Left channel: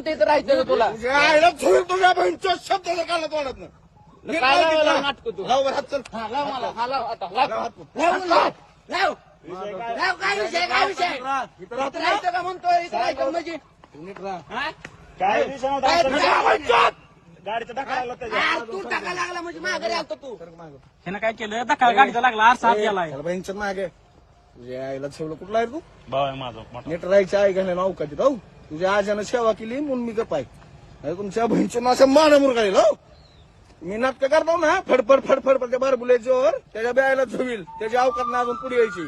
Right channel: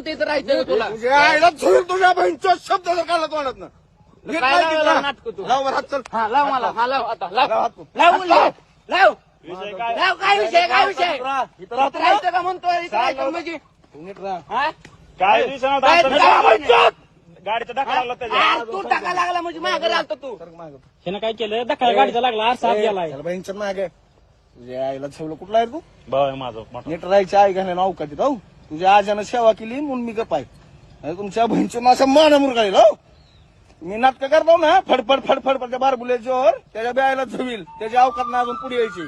म्हणतो इथं राहायचं का तुला? तुझ्या बहिणीचा शब्द जर काढला तोंडात ना नाटकं तू? लाव बरं हात चल. हा लाव मला. हा लाव आता. लाव. लाव हात तू. लाव. लाव. लाव. लाव काय विषय काय विषय इथं राहा, इथं राहा इथं राहायचं का म्हणतोय? इथं राहायचं म्हणजे? तू नीट राहा. हा? काय दिवसानं काय आता? तुझ्या आवडतं? गाडीचा धक्का लागला तू टाका म्हणजे मागे आलतो तू. सरक मागं. हिनं काय केलं? धक्का गाडीचा लागला आरसा ए, गेलाय. बहिणीचं मागे. तुझ्या आईला छेवलं कुठला आहे तू? बघ माझं नीट राहायची आई घालणे नाव का राहू तुझ्या आजानं सेवा केली म्हणून मी गपाय नाही तुमच्या बहिणीचं माझ्या मान मुरगाळील हो मी नाटकं करतो ना फडफड फडफड त्या बारबुल्याच्यावर त्याच्या ब्यायला झवील त्याच्या अवकात ना अजून पुढे यायची.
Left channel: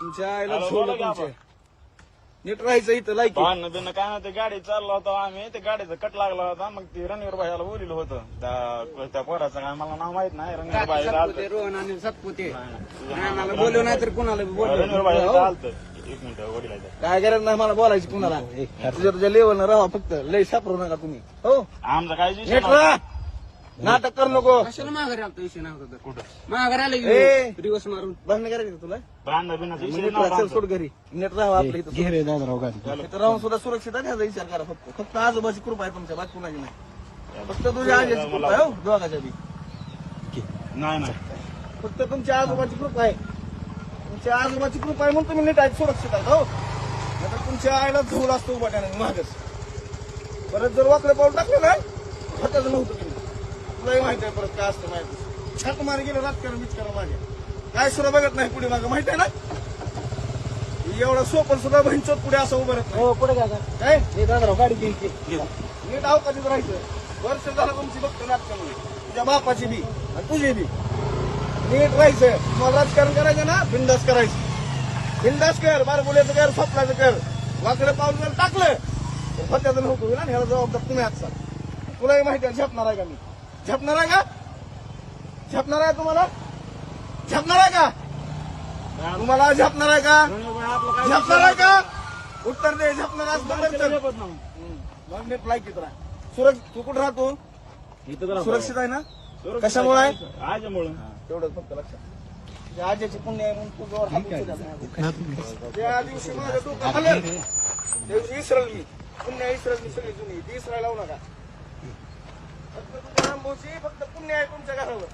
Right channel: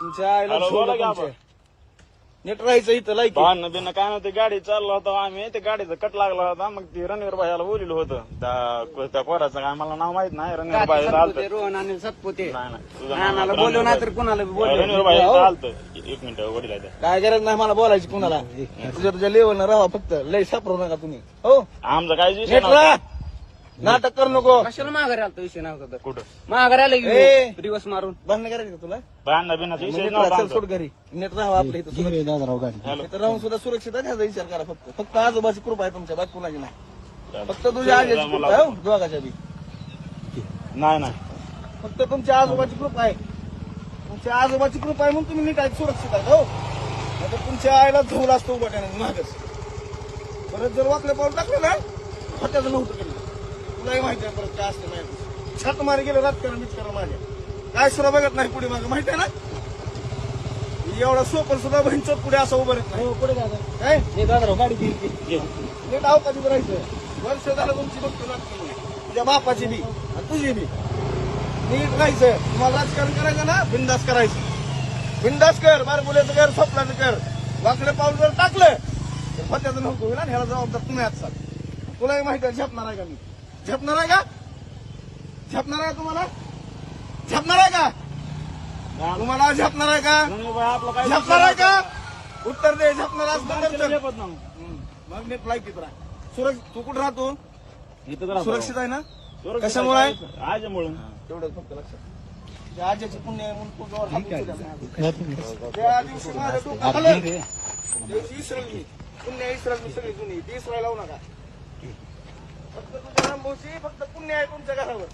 तुमच्या आईला झोल तुमचे. नीट राहायचं इथं लायकी भांडणं त्यांना काय म्हणते गाडी चाललो होतो आम्ही ते गाडीचा कट लागला होता मग ते रणवीर भाईला बोललो होतं. त्या त्या पोराचं काय मला नाव माहीत नाही रणवीर सतपुते रोहन आणि सतपुते. नानाला बोललो नाही तर कुणाला बी बोललो रणवीर हो. चालतो. एक मिनिट वडील. काय गरज नाही मला बोलायची कुणाला. तुझ्या तुझ्या लेवलनं राहा फक्त लय सापरू नका तुम्ही. हो. आमचं काय नीट राहा. नाटक करू नको. कशाला माघारी आलतो विषय नव्हता तर? कुठं? माघारी आला ए. की दिवस मारून. बंद करायचं का तुला? चल नव्हता सोड घरी. नीट राहा इथं इथं राहून सुद्धा सुरक्षित आहे ह्याचा विचार करा फक्त. फक्त आजोबाची कृपा आहे तुमच्या बाकी कुणाची नाही. फक्त तुझ्या आजीची कृपा आहे हो दोघाच्या बी. नाही नाही. फक्त तुमच्या आजोबाची कृपा आहे. तुमच्या आजोबाची कृपा आहे म्हणून तुम्ही नीट आहे सुरक्षित आहे हो. नाहीतर तुमच्या आईला धुवला असतो उभाट्याने मागच परत जर वाकलं पाऊल टाकलं ना फटाचं नव्हतं तरी. तुलाही माहिती. आहे परत काय असतं माहिती. छात मारे गेलं राजकारण बिचकारण माझ्या काय सुद्धा बघत नाही पुढे मागं माहिती आहे ना? एवढा सोपन सुद्धा बहिणचोत पुढे असं उभं राहत नाही. हो पुढे काय हे दादा गाडी घेईल नीट अवकाशात राहायचं वर्ष झालं तुमची बघतो नाटक तुझ्या बापाची बी आणि तुझी बी. नीट राहायचं. तुम्हाला राजकारण करायचं ना बिंदास करायचं. बिंदास कर बारगुल्याचं कर स्वप्नाचं कर. वाकडे पाऊल जर टाकलं तर फत्याचं नव्हतं होईल आणि ह्याला जबाबदार तुम्ही असतात तुलाही माहिती आहे झेपणार आहे का मी? झेपणार आहे का? झेपणार आहे तुम्हाला? झेपणार आहे का? तुम्हाला झेपणार आहे का झेपणार आहे का? उत्तर दे झेपणार आहे. मग नीट लाईक राहा. सुरक्षित तू कुठं राहतो? सुरक्षित आहे ना? कशामुळे आहे? आजमुळं. तेवढं फक्त लक्षात. आजीची पुण्य. त्या दिवशी माझं डोकं हललं. त्या दिवशी इसरल मी. पुण्य इसरल मी सगळी जुनी. ती इसरायला लावू नका. फक्त तुझ्या रामभाऊची फक्त पुण्य आहे तुमच्या घरावर.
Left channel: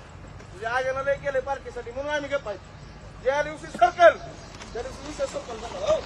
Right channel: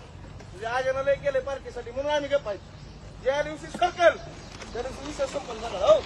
तुझ्या आजनं लय गेले पार्टीसाठी म्हणून आम्ही गप्पा आहे. ज्या दिवशी सरकल त्या दिवशी विषय संपल झाला हो.